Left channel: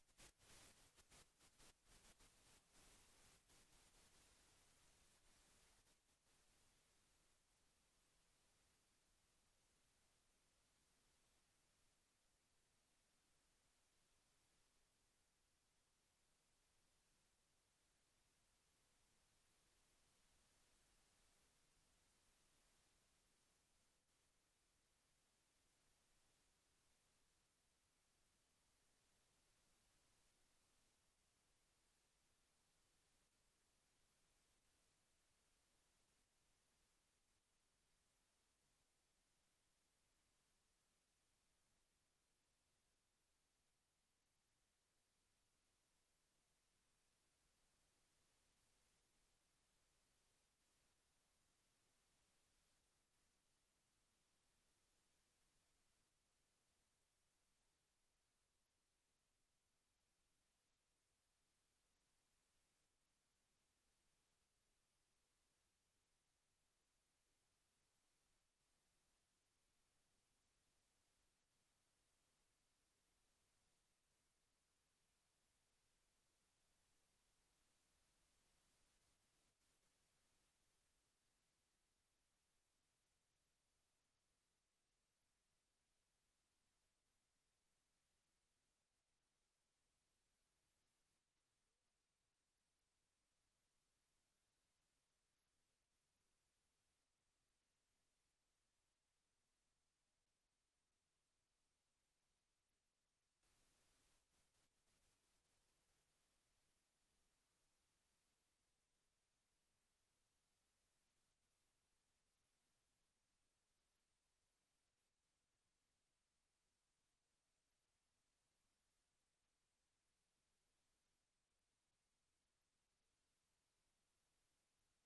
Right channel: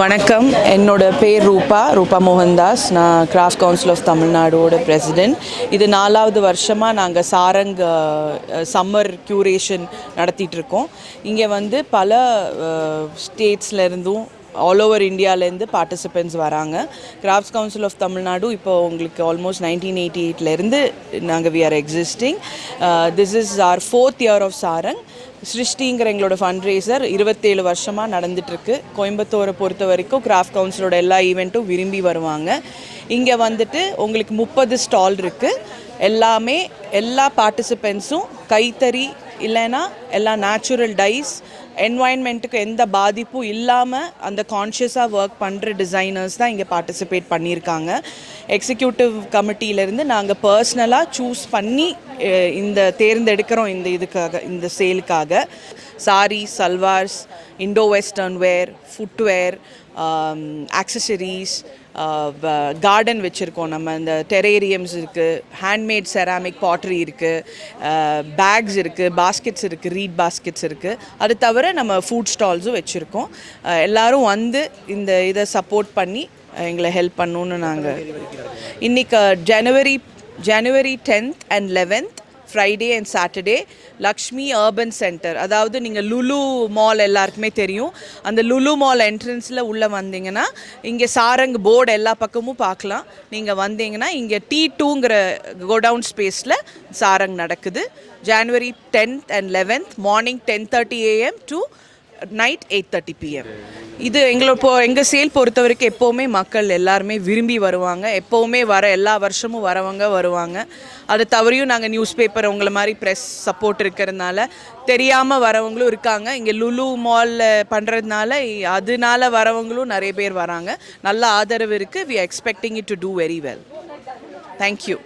வணக்கம். என்னோட பேர் ரூபா ரூபா மோகன்தாஸ். நான் கிராஃப்ட் கவுன்சில் ஆஃப் தமிழ்நாடோட பிரசிடென்ட் இது நாலாவது வருஷமாக நாங்கள் சாரங் சம்மர் க்யூரேஷன் நடத்திட்டு இருக்கோம். இங்கே வந்து பல ஸ்டேட்ஸ்லேருந்தும் ஆல் ஓவர் இந்தியாவிலேருந்து பார்ட்டிசிபெண்ட்ஸ் வராங்க. கிராஃப்ட்ஸ் கவுன்சில் ஆஃப் தமிழ்நாடு இப்போ உங்களுக்கு ஆல்மோஸ்ட் நைன்டீன் எயிட்டி எயிட்லேருந்து நாங்கள் we are existing this is our fourth year of Sarang சிருஷ்டிங்கிற எங்களோட ஃபண்ட் ரேசர் இருபத்தேழு வருஷமாக நடந்துட்டுருக்கு. கோயம்புத்தூரை பொறுத்த வரைக்கும் கிராஃப்ட் கவுன்சிலோட எல்லா ஈவெண்ட்டும் விரும்பி வருவாங்க. இங்கே வந்துட்டு உங்களுக்கு முப்பது ஸ்டால் இருக்குது எல்லாமே எல்லா பார்ட்டிசிபெண்ட்ஸும் கைத்தறி இல்லைன்னா எல்லாம் நேச்சுரல் டைஸ் என்வாயன்மெண்ட்டுக்கு எந்த பாதிப்பும் இல்லாமல் அந்த கான்ஷியஸாக ஒர்க் பண்ணுற டிசைனர்ஸ் தான் இங்கே பார்ட்டிசிபேட் பண்ணியிருக்காங்க எக்ஸிக்யூட்டிவ் கமிட்டியிலேருந்து நாங்கள் பர்சனலாக சூஸ் பண்ணி இந்த தேர்ந்தெடுக்கிறோம் இந்த இதுக்காக இந்த சேலுக்காக sari salwars Indo western wear footwear accessories garden வச்சுருக்கோம் நம்ம. இந்த டெரேரியம்ஸ் இருக்குது ஹேண்ட்மேட் செராமிக் பாட்ரி இருக்குது பேக்ஸ் இருக்குது பாஸ்கெட்ஸ் இருக்குது ரீட் பாஸ்கெட்ஸ் இருக்குது அது தவிர நம்ம ஃபுட் ஸ்டால்ஸும் வச்சுருக்கோம். எல்லாரும் வந்து இந்த இதை சப்போர்ட் பண்ணி எங்களை ஹெல்ப் பண்ணணுன்னு நாங்கள் இன்றைக்கி ஜனவரி ஜனவரி tenth and eleventh Friday and Saturday Lakshmi urban centre அதாவது நீங்கள் லுலு மால் எல்லாருக்குமே தெரியும். அந்த லுலு மால் என்ட்ரன்ஸில் உள்ளே வந்தீங்கன்னா இங்கே சாரங் போர்டு எல்லா பக்கமும் பார்க்கலாம். நீங்கள் வந்தீங்கன்னா இங்கே டி டூங்கிற கோடவுன் ஸ்பேஸில் சாரங் நடக்குது. January tenth and eleventh morning ten thirty AM to night eight thirty PM இது எங்களை இப்போ எங்கள் சேல் பொறுத்த வரைக்கும் எப்போவுமே மக்கள் எல்லாருமே விரும்பி வருவாங்க. எப்போவுமே வர எல்லா வருஷமும் வரவங்க வருவாங்க. அதை தவறியும் நாங்கள் நியூஸ் பேப்பர் உங்களை மாதிரி ப்ரெஸ் சப்போர்ட் இருக்கிறதுனால தெரியாமல் வரவங்களும் இருக்காங்க. இங்கே லுலு மாலில் பண்ணுறதுனால அதனால வரவங்களும் நிறைய பேர் வராங்க. நல்ல ஆதரவு இருக்குது we expecting it to do very well thank you